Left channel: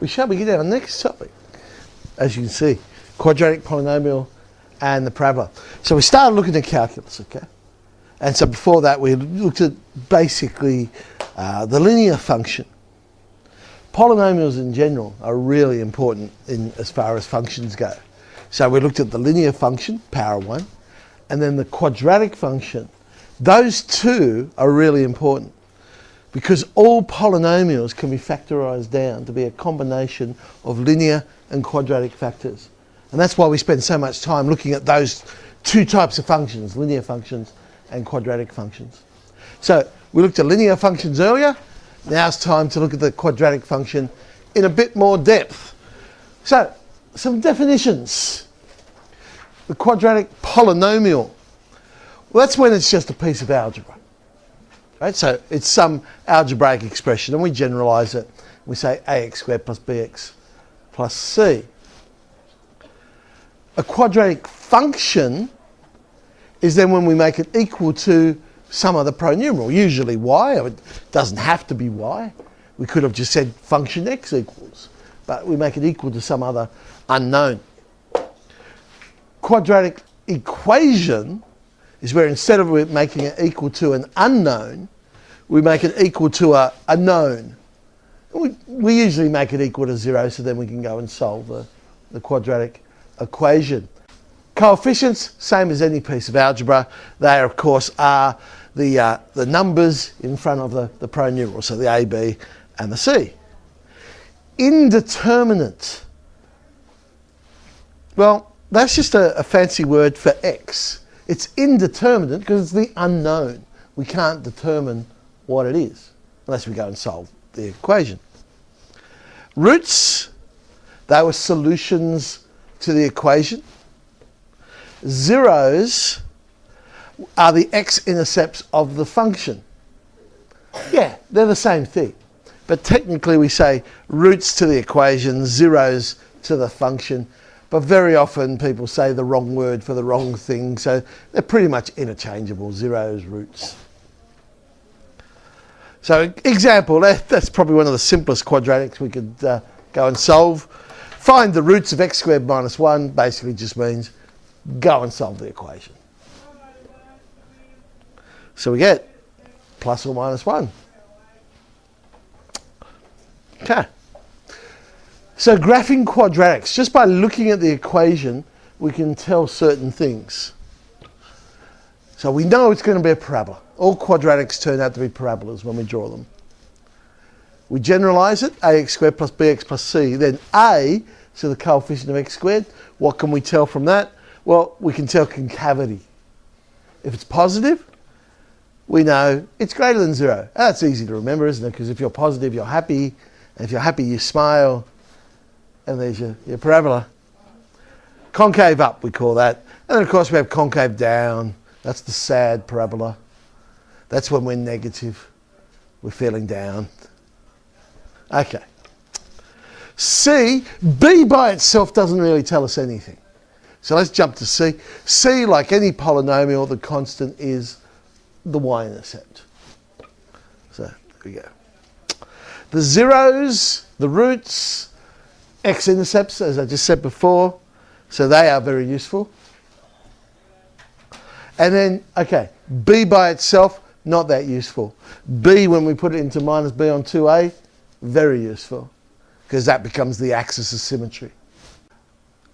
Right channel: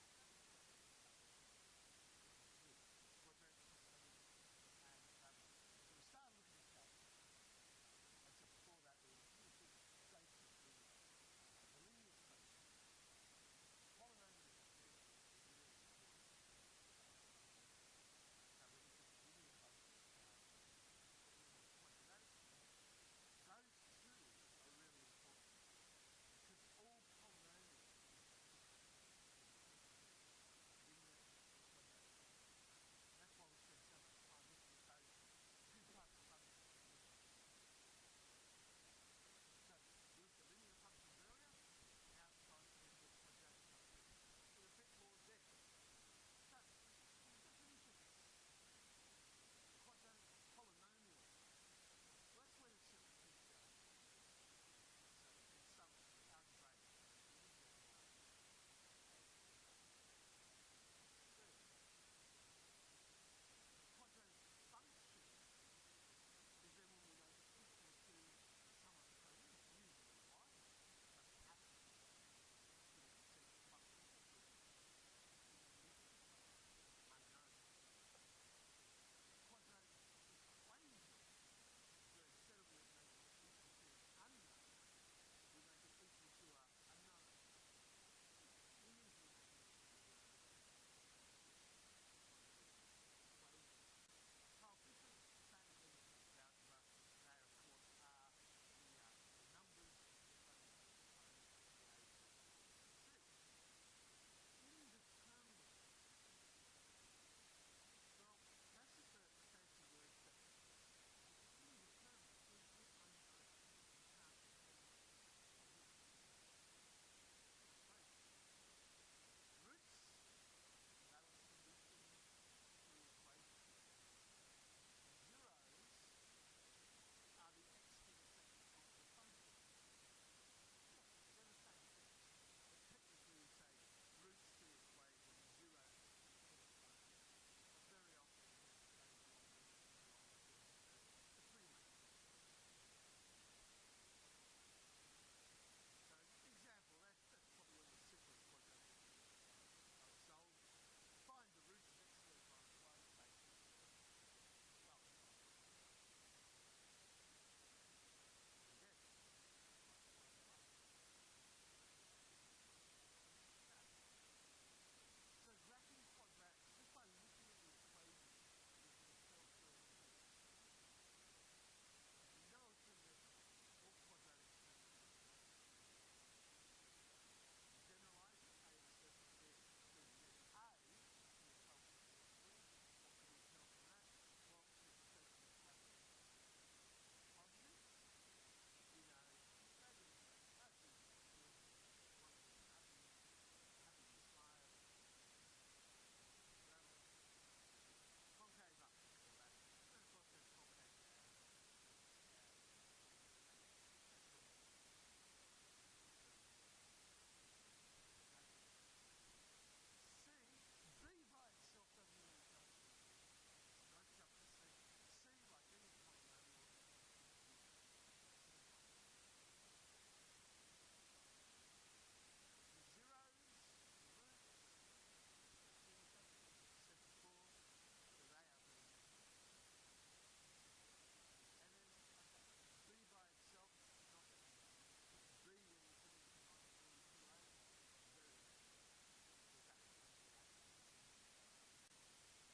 we shall begin our next topic. As you can see, quadratic polynomial and the parabola. So we started looking at calculus, okay? And so before that we looked at basically the linear function. Polynomials in general are really important as far as functions go. So we looked at the linear function, power 1, and then the quadratic function. Those two are really important because all polynomials can be factorised down to be a combination of linear and quadratic factors. And that's why we spend so much time looking at those two types of functions, linear functions and quadratic functions. So we looked at linear functions earlier. Now it's time to look at the quadratic function in a bit more depth. So, some definitions. The quadratic polynomial. Well, that's when it's just a piece of algebra. Right? So it's some algebraic expression, and we generalise it. We say ax squared plus bx plus c. A quadratic function is then when we make it equal to some other pronumeral, usually y. It doesn't have to be y. We could have just said function x equals, but we make it equal to some other unknown. Quadratic equation is where instead of making it equal to an unknown, we make it equal to a known. We usually make it equal to 0, so then we can go and solve the quadratic equation. Coefficients, same as any piece of algebra. They, of course, are the numbers in front of the pronumeral, so the a, b, and the c. Indeterminate. Well, that's just a fancy word for x. It's indeterminate because it's the unknown. We can't determine what it is unless we go and solve the equation. Roots, they were solutions to the equation. Zeros are the x-intercepts of the function. Yeah, they're the same thing. But technically we say roots to the equation, zeros to the function. But very often people say the wrong word for the wrong thing, so they're pretty much interchangeable, zeros, roots. So example, that's probably one of the simplest quadratics we could go and solve. Find the roots of x squared minus 1 basically just means go and solve the equation. So we get plus or minus 1. Okay. So graphing quadratics, just by looking at the equation, we can tell certain things. So we know it's going to be a parabola. All quadratics turn out to be parabolas when we draw them. We generalise it, ax squared plus bx plus c. Then a, so the coefficient of x squared, what can we tell from that? Well, we can tell concavity. If it's positive, we know it's greater than 0. That's easy to remember, isn't it? Because if you're positive, you're happy. And if you're happy, you smile. And there's your parabola. Concave up, we call that. And then, of course, we have concave down. That's the sad parabola. That's when we're negative. We're feeling down. Okay. C, B by itself doesn't really tell us anything. So let's jump to C. C, like any polynomial, the constant is the y-intercept. So there we go. The zeros, the roots, x-intercepts, as I just said before, so they are very useful. And then, okay, b by itself, not that useful. B, when we put it into minus b on 2a, very useful, because that becomes the axis of symmetry.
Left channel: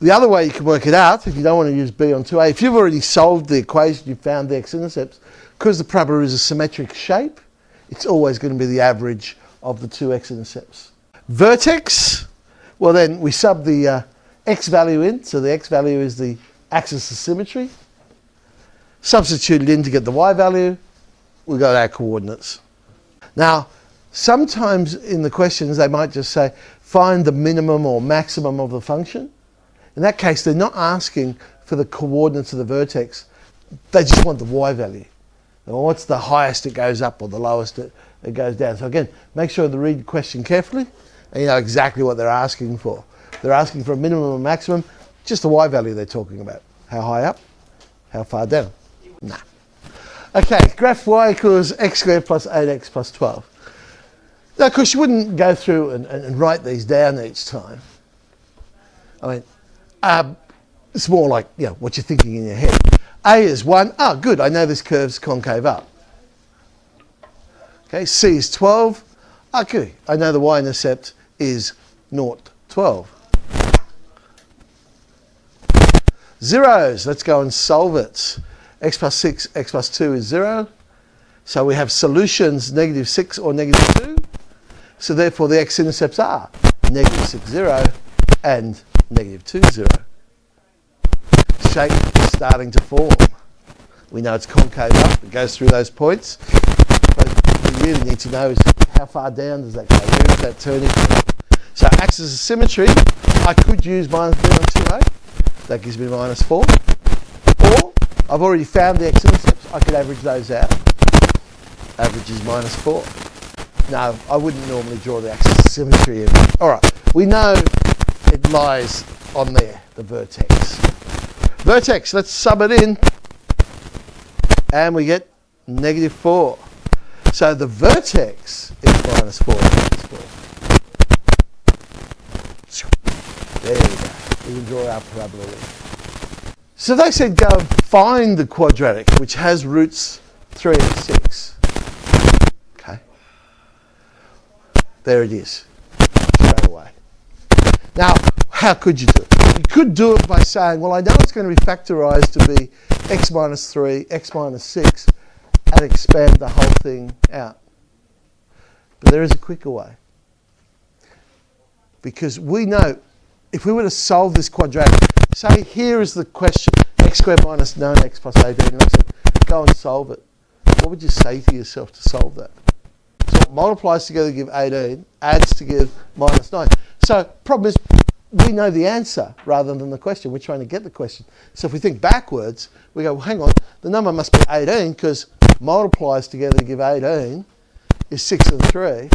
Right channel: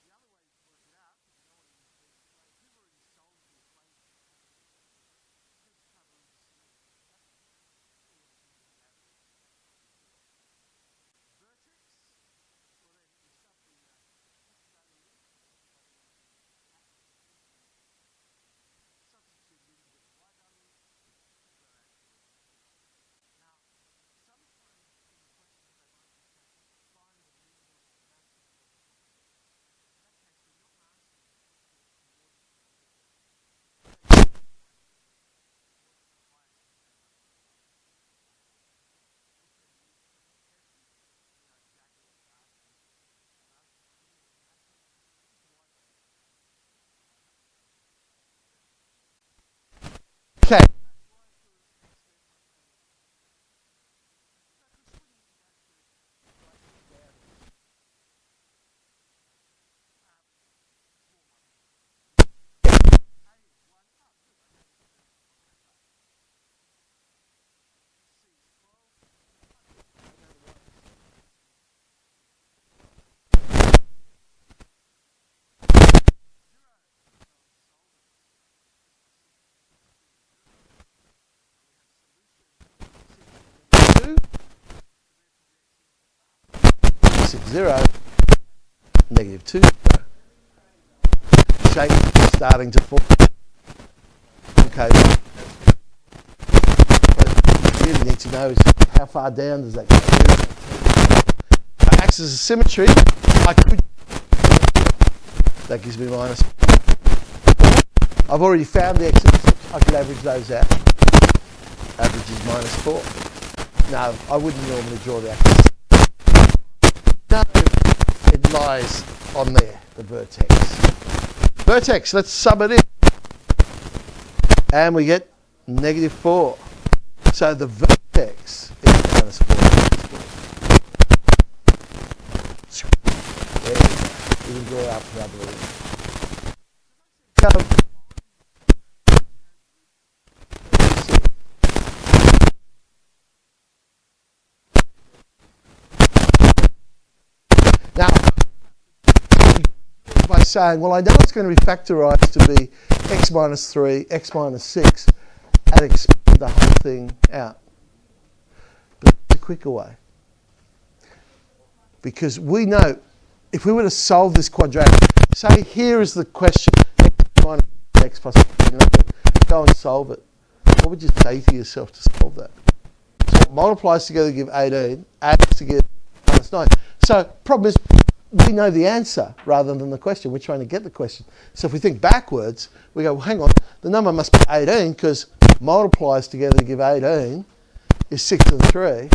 The other way you can work it out, if you don't want to use b on 2a, if you've already solved the equation, you've found the x-intercepts, because the parabola is a symmetric shape, it's always going to be the average of the two x-intercepts. Vertex, well then we sub the x value in, so the x value is the axis of symmetry. Substitute it in to get the y value, we got our coordinates. Now, sometimes in the questions they might just say, find the minimum or maximum of the function. In that case, they're not asking for the coordinates of the vertex, they just want the y value. Well, what's the highest it goes up or the lowest it goes down? So again, make sure to read the question carefully and you know exactly what they're asking for. They're asking for a minimum or maximum, just the y value they're talking about. How high up? How far down? Nah. Okay, graph y equals x squared plus 8x plus 12. Now, of course, you wouldn't go through and write these down each time. I mean, it's more like, you know, what you're thinking in your head. A is 1. Oh, good, I know this curve's concave up. Okay, C is 12. Okay, I know the y-intercept is 0, 12. Zeros, let's go and solve it. X plus 6, X plus 2 is 0. So we have solutions negative 6 or negative 2. So therefore the x-intercepts are negative 6, 0 and negative 2, 0. Shape is starting to form. We know it's concave up. It goes through those points. What we really need to know is how far down does that go? Where is that turning point? So axis of symmetry, I could use minus b on 2a. That gives me minus 4. Or I've already found the x-intercepts. I could average those out. Average is minus 4. No, I wouldn't normally draw the axis of symmetry in. All right, we know it lies on there, the vertex. Vertex, let's sub it in. And we get negative 4. So the vertex is minus 4, minus 4. There we go. We can draw our parabola in. So they said go and find the quadratic, which has roots 3 and 6. Okay. There it is, straight away. Now, how could you do it? You could do it by saying, well, I know it's going to be factorised to be x minus 3, x minus 6, and expand the whole thing out. But there is a quicker way. Because we know, if we were to solve this quadratic, say here is the question, x squared minus 9x plus 18, and I said, go and solve it. What would you say to yourself to solve that? So it multiplies together to give 18, adds to give minus 9. So problem is, we know the answer rather than the question. We're trying to get the question. So if we think backwards, we go, well, hang on, the number must be 18 because multiplies together to give 18 is 6 and 3,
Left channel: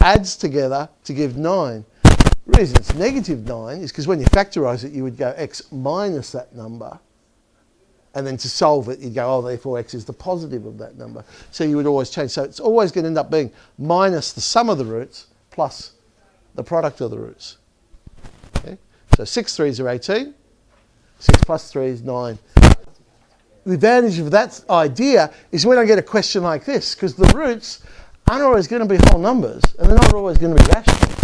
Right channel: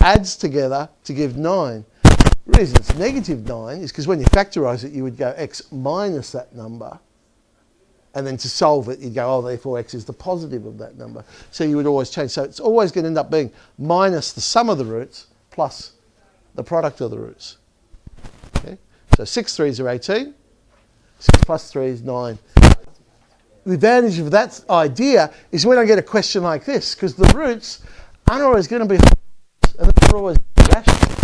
adds together to give 9. The reason it's negative 9 is because when you factorise it, you would go x minus that number. And then to solve it, you'd go, oh, therefore x is the positive of that number. So you would always change. So it's always going to end up being minus the sum of the roots plus the product of the roots. Okay? So 6 3s are 18. 6 plus 3 is 9. The advantage of that idea is when I get a question like this, because the roots aren't always going to be whole numbers, and they're not always going to be rational.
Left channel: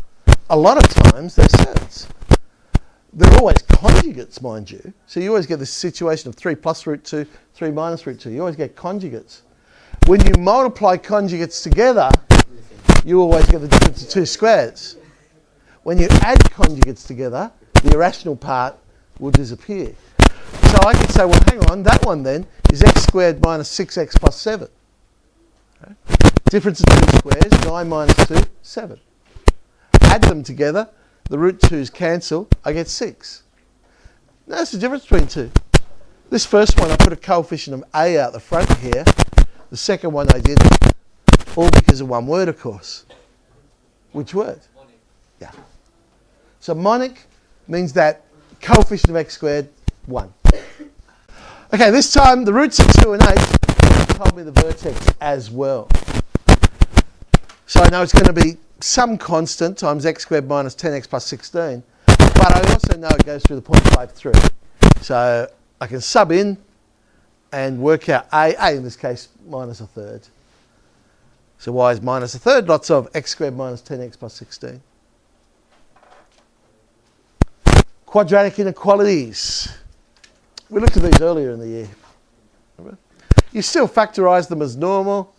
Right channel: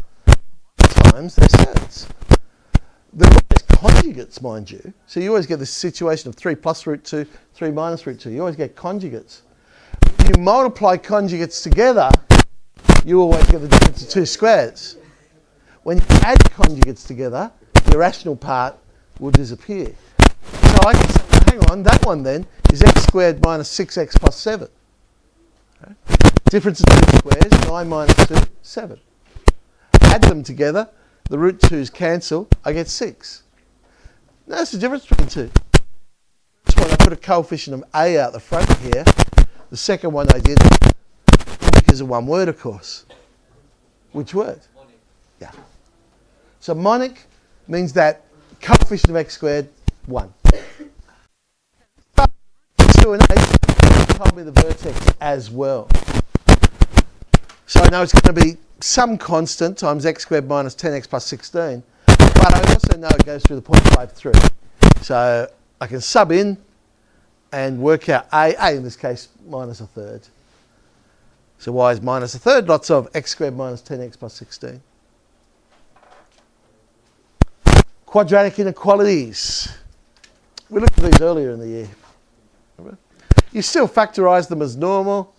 A lot of times they're surds. They're always conjugates, mind you. So you always get this situation of 3 plus root 2, 3 minus root 2. You always get conjugates. When you multiply conjugates together, you always get the difference of 2 squares. When you add conjugates together, the irrational part will disappear. So I can say, well, hang on, that one then is x squared minus 6x plus 7. Okay. Difference of 2 squares, 9 minus 2, 7. Add them together, the root 2's cancel, I get 6. Now that's the difference between two. This first one, I put a coefficient of a out the front here. The second one I didn't. All because of one word, of course. Which word? Monic. Yeah. So monic means that coefficient of x squared, 1. Okay, this time the roots are 2 and 8, but they've told me the vertex as well. So I know it's going to be some constant times x squared minus 10x plus 16, but I also know it goes through the point 5, 3. So I can sub in and work out a in this case minus a third. So y is minus a third, lots of x squared minus 10x plus 16. Quadratic inequalities. We looked at these earlier in the year. Remember? You still factorise them as normal,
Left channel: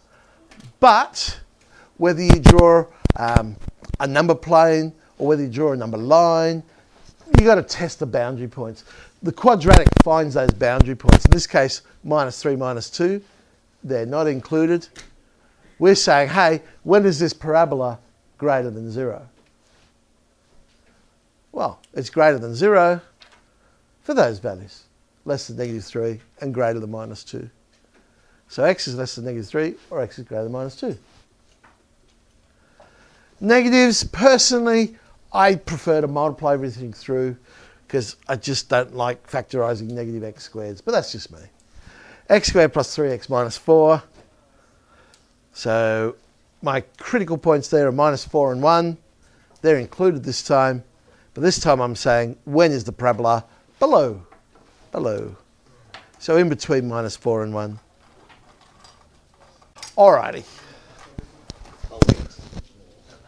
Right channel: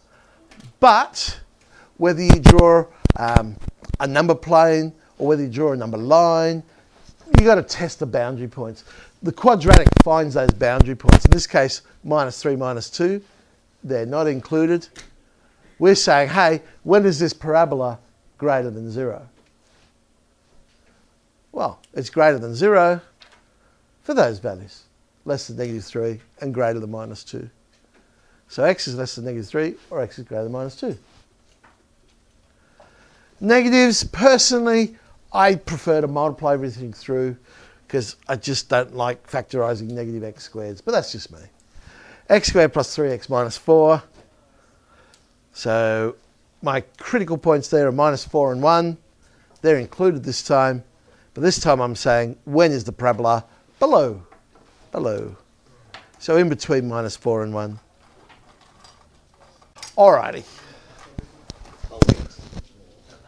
but whether you draw a number plane or whether you draw a number line, you've got to test the boundary points. The quadratic finds those boundary points. In this case, minus 3, minus 2, they're not included. We're saying, hey, when is this parabola greater than 0? Well, it's greater than 0 for those values, less than negative 3 and greater than minus 2. So x is less than negative 3 or x is greater than minus 2. Negatives, personally, I prefer to multiply everything through because I just don't like factorising negative x squareds, but that's just me. X squared plus 3x minus 4. So my critical points there are -4 and 1. They're included this time. But this time I'm saying, when is the parabola below? Below. So in between -4 and 1. Alrighty.